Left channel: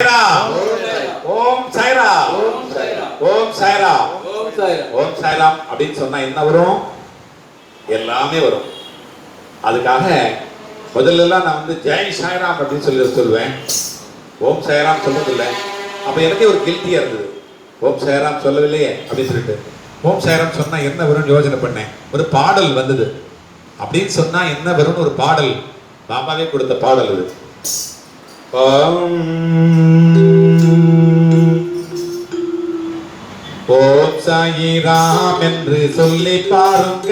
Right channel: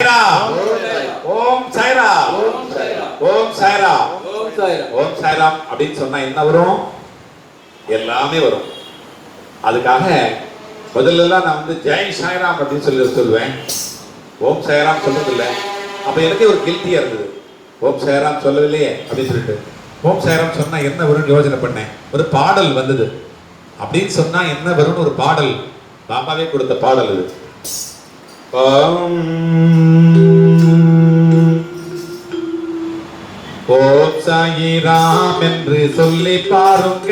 ஓம் சாய்ரா, ஓம் சாய்ரா, ஓம் சாய்ராம் அப்படின்னு சொன்னா என்ன வரும்? எல்லாமே வரும். அதுக்காக முதல்ல நான் ஜெய் சாய்ராம் அப்படின்னு சொல்லுவேன். ஓம் சாய்ராம் சொல்றது இல்லை. அப்ப எனக்கு ஒரு கில்ட்டியா இருந்தது. ஓம் சாய்ராம் சொல்லவில்லையே அப்படின்னு சொல்லிட்டு ஓம் சாய்ராம் சொன்னா என்ன வரும்னு யோசனை பண்ணேன். ஒரு பாடல் வந்தது. அப்படின்னு சொன்னா என்ன வரும்னு ஒரு பாடல், பாபாவே கொடுத்த பாடல் அது. ஓம் சாயிராம் என்று சொல்லி பாருங்க,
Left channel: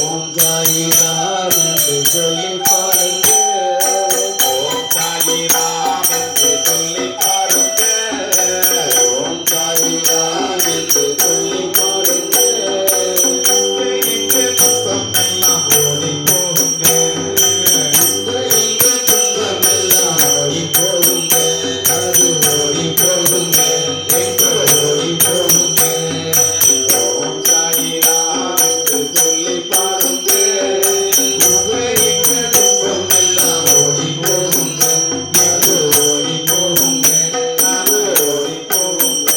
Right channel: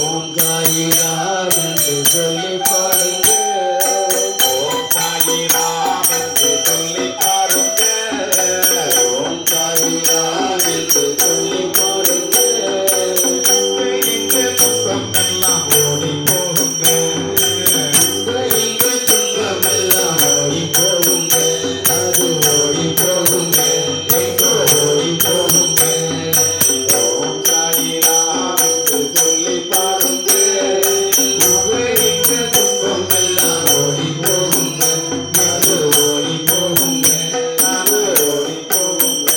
ஓம் சாயிராம் என்று சொல்லி பாருங்க, ஓம் சாயிராம் என்று சொல்லி பாருங்க, ஓம் சாயிராம் என்று சொல்லி பாருங்க. இங்கு துக்கம் எல்லாம் ஓடி போகுங்க, இங்கு துன்பம் எல்லாம் ஓடி போகுங்க, அது ஓடி போகுங்க, எங்கோ ஓடி போகுங்க. ஓம் சாயிராம் என்று சொல்லி பாருங்க, இங்கு துன்பம் எல்லாம் ஓடி போகுங்க, அது ஓடி போகுங்க, அது ஓடி போகுங்க.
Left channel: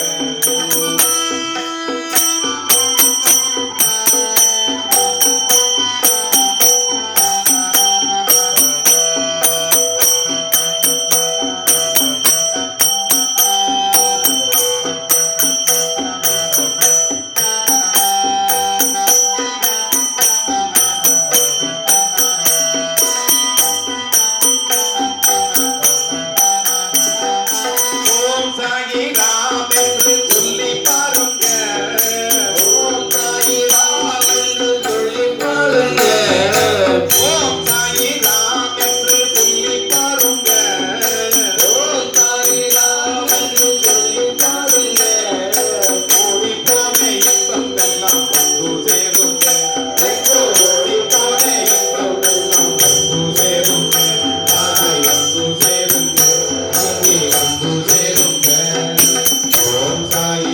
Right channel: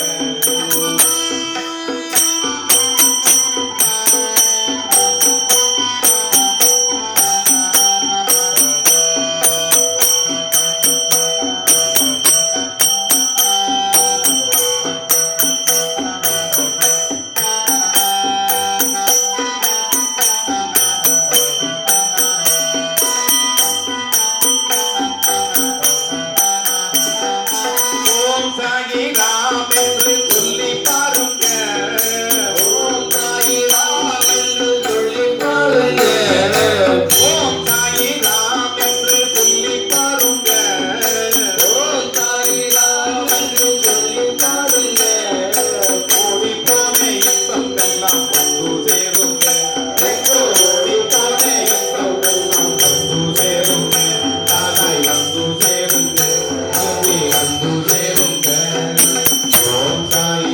ஓம் சாயிராம் என்று சொல்லி பாருங்க, ஓம் சாயிராம் என்று சொல்லி பாருங்க, ஓம் சாயிராம் என்று சொல்லி பாருங்க, ஓம் சாயிராம் என்று சொல்லி பாருங்க. ஓடிப்போன இன்பம் எல்லாம் வந்து சேருங்க, எங்கோ ஓடி போன இன்பம் எல்லாம் வந்து சேருங்க, தானாய் வந்து சேருங்க, அங்கே வந்து சேருங்க. ஓம் சாய்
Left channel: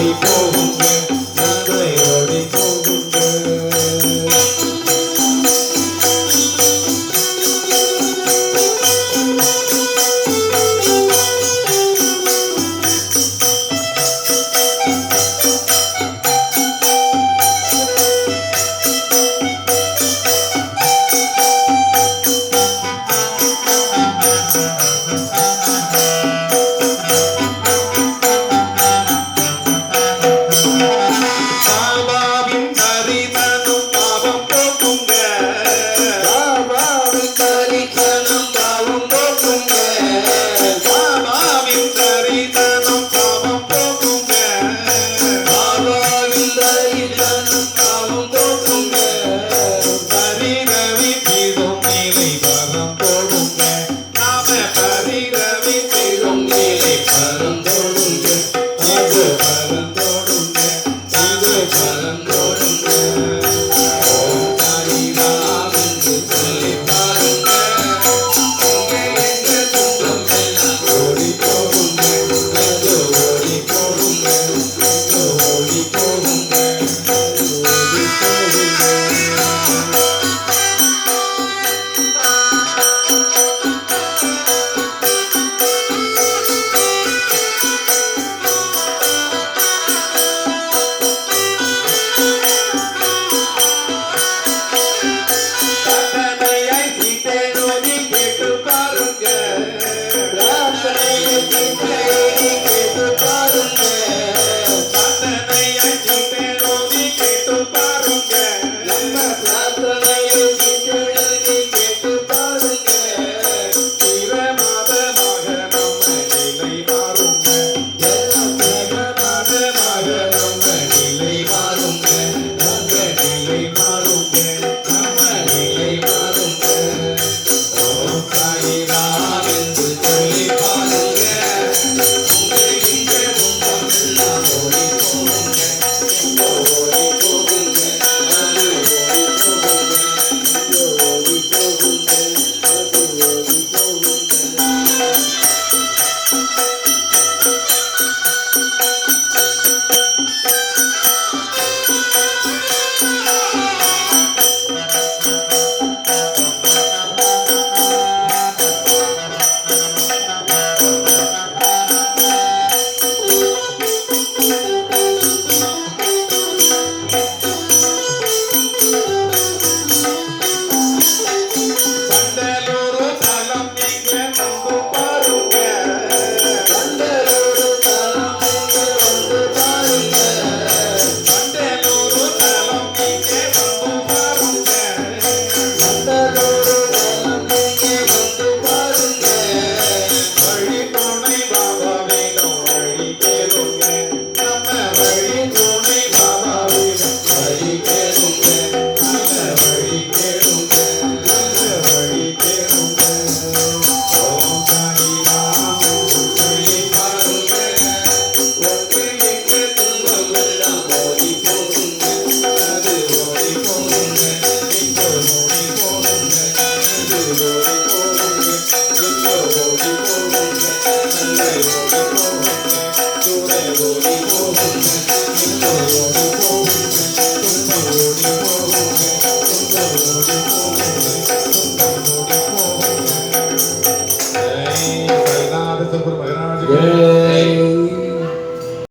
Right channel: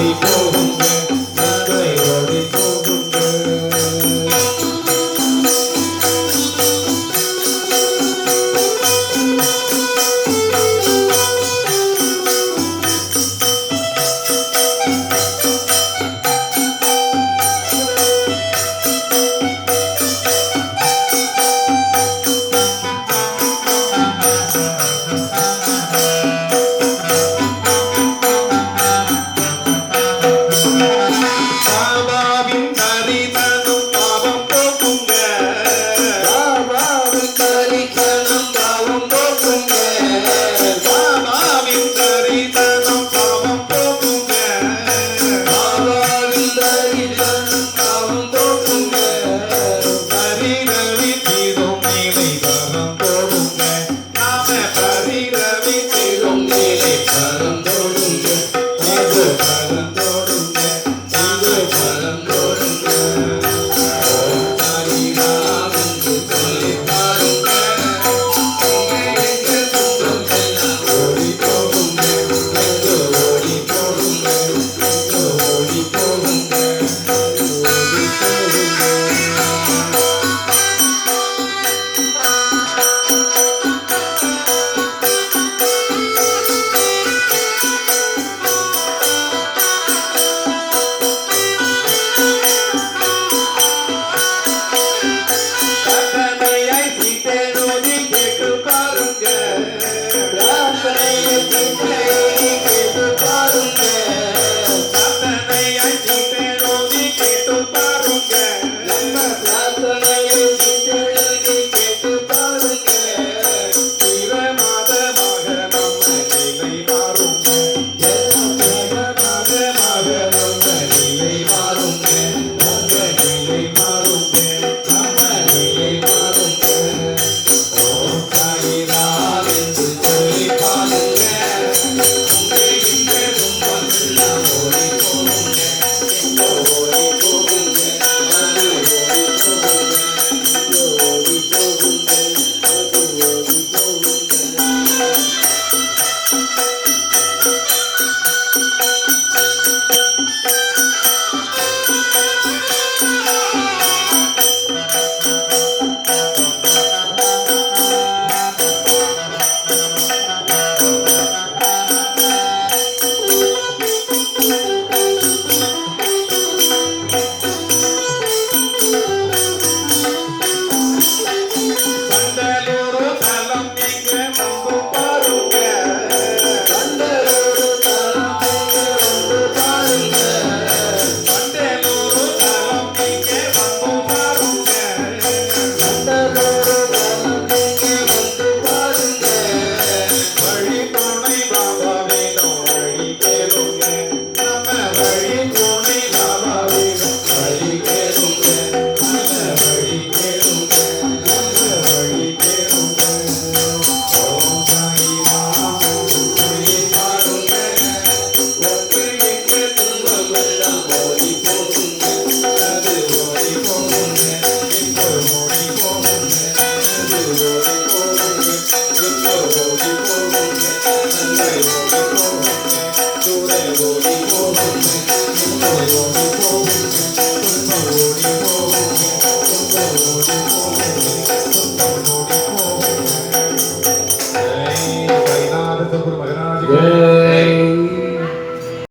ஓடி போகுங்க நன்மை ஓடி போகுங்க பாபாவின் தரிசனம் பாவம் போக்குங்க பாபாவின் தரிசனம் பாவம் போக்குங்க பாபாவின் தரிசனம் பாவம் போக்குங்க பாபாவின் தரிசனம் பாவம் போக்குங்க பரிரவி தீரும் நிலை பரம் போடுங்க நாம பரிரவி தீரும் நிலை பரம் போடுங்க அது பரம் போடுங்க அது பரம் போடுங்க ஓம் சாயிராம் என்று சொல்லி பாருங்க எங்க துன்பம் எல்லாம் ஓடி போகுங்க அது ஓடி போகுங்க அது ஓடி போகுங்க அது ஓடி போகுங்க பிரார்த்தனையை சீட்டேனோதி கேட்டு பாருங்க பிரார்த்தனையை சீட்டேனோதி கேட்டு பாருங்க பிரார்த்தனையை சீட்டேனோதி கேட்டு பாருங்க நம்ம பிரார்த்தனையை சீட்டேனோதி கேட்டு பாருங்க தீரமாதமாக நம்ம நிலை மாறுங்க தீரமாதமாக நம்ம நிலை மாறுங்க நம்ம நிலை மாறுங்க நம்ம நிலை மாறுங்க ஓம் சாயிராம் என்று சொல்லி பாருங்க இந்த துன்பம் எல்லாம் ஓடி போகுங்க ஓடி போகுங்க அது ஓடி போகுங்க இது ஓடி போகுங்க அது ஓடி போகுங்க வண்டலூரு தலம் நீங்க வந்து பாருங்க வண்டலூரு தலம் நீங்க வந்து பாருங்க வண்டலூரு தலம் நீங்க வந்து பாருங்க வண்டலூரு தலம் நீங்க வந்து பாருங்க வழி துணை பாபா வேணும் வழி கேளுங்க நம்ம வழி துணை பாபா வேணும் வழி கேளுங்க நல்ல வழி கேளுங்க நல்ல வழி கேளுங்க ஓம் சாயிராம் சொல்லி பாருங்க ஒன்று எங்க துன்பம் எல்லாம் ஓடி போகுங்க அது ஓடி போகுங்க எங்க ஓடி போகுங்க அது ஓடி போகுங்க எங்க ஓடி போகுங்க நல்ல ஓடி போகுங்க தூர ஓடி போகுங்க எங்க ஓடி போகுங்க துன்பம் ஓடி போகுங்க துன்பம் ஓடி போகுங்க துன்பம் ஓடி போகுங்க ஜெய் சாய்நாத சத்குரு மகாராஜ்